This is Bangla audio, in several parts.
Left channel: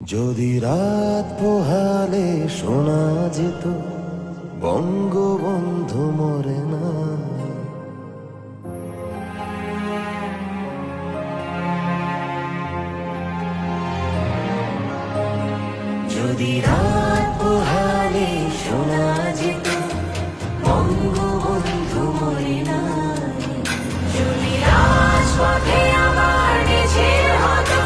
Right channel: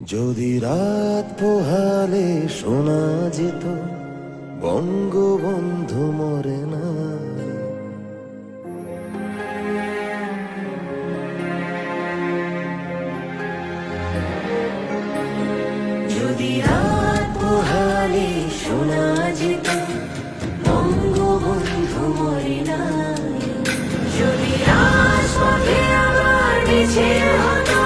যদি রাত পোহালে শোনা যেত বঙ্গবন্ধু মরে নাই, যদি রাত পোহালে শোনা যেত বঙ্গবন্ধু মরে নাই, যদি রাজপথে আবার মিছিল হতো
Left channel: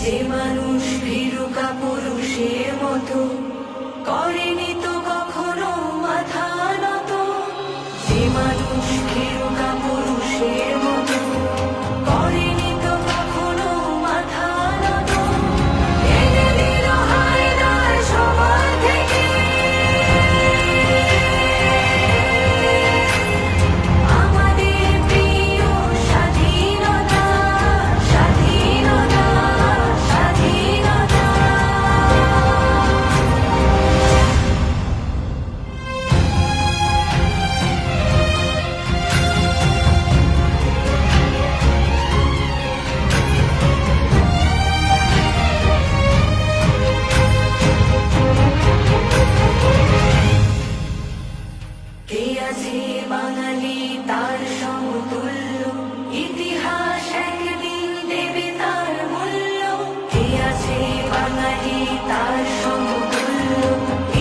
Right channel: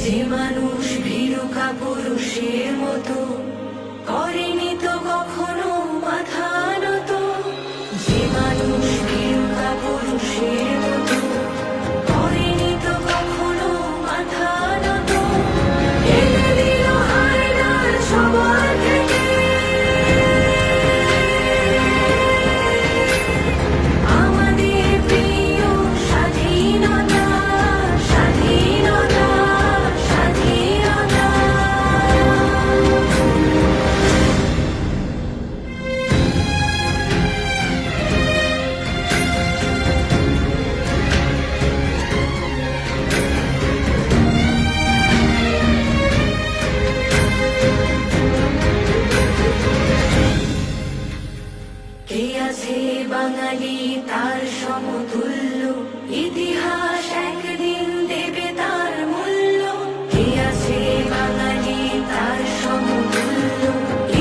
যে মানুষ ভীরুকা পুরুষের মতো করেনি তো কখনো মাথা নত, যে মানুষ ভীরুকা পুরুষের মতো করেনি তো কখনো মাথা নত, এনে দিল হায়দার সবার থেকে আমাদের প্রিয় স্বাধীনতা। কে আছে বাঙালি তার সমতুল্য, ইতিহাস একদিন দেবে তার মূল্য। কে আছে বাঙালি তার সমতুল্য,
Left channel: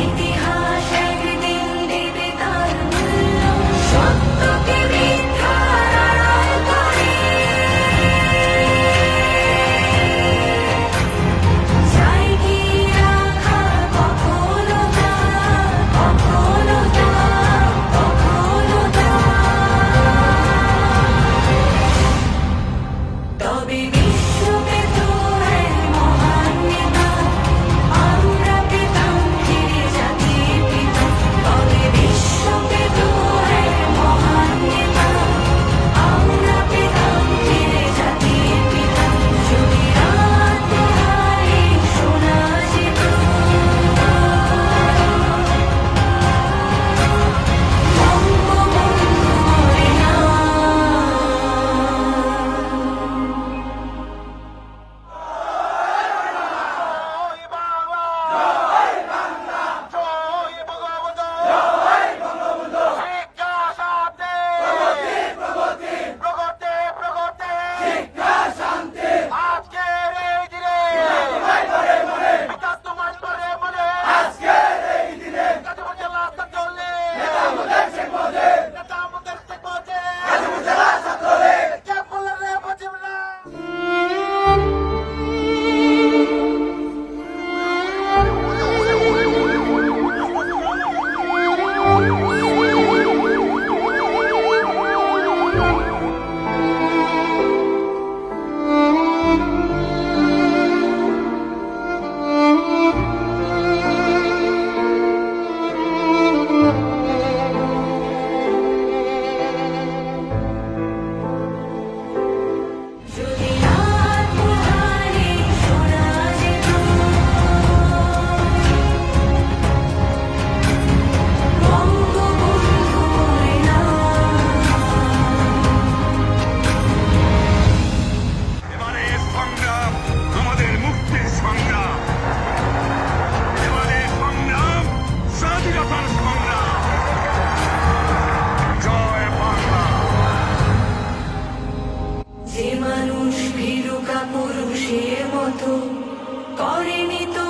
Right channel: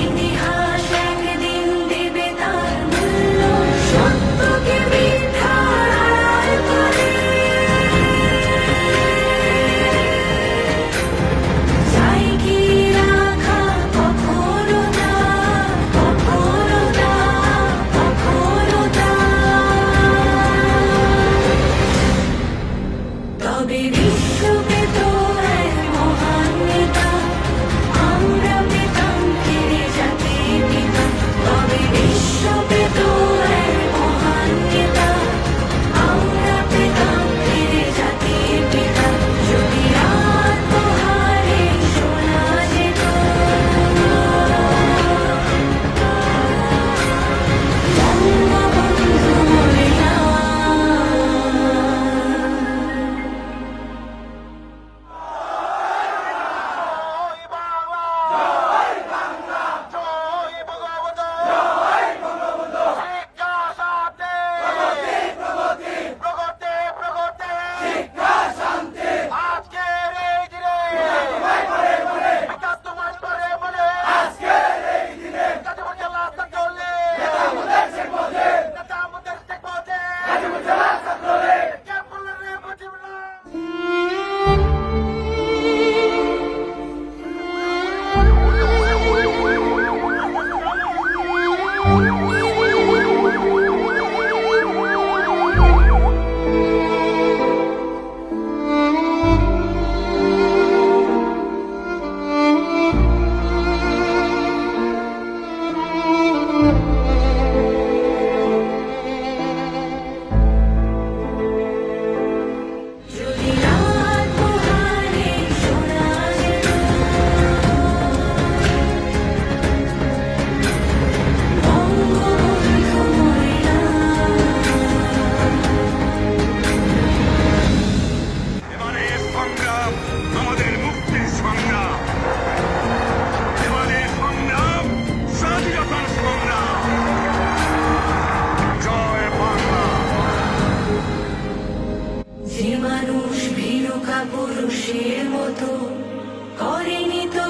ইতিহাস একদিন দেবে তার মূল্য। সত্যকে মিথ্যার আড়াল করে চাই কি রাখা কখনো তা, কখনো তা, কখনো তা। তবে বিশ্ব পেত এক মহান নেতা, আমরা পেতাম ফিরে জাতির পিতা। তবে বিশ্ব পেত এক মহান নেতা, আমরা পেতাম ফিরে জাতির পিতা। যদি রাত পোহালে শোনা যেত বঙ্গবন্ধু মরে নাই। পুরুষের মতো করেনি তো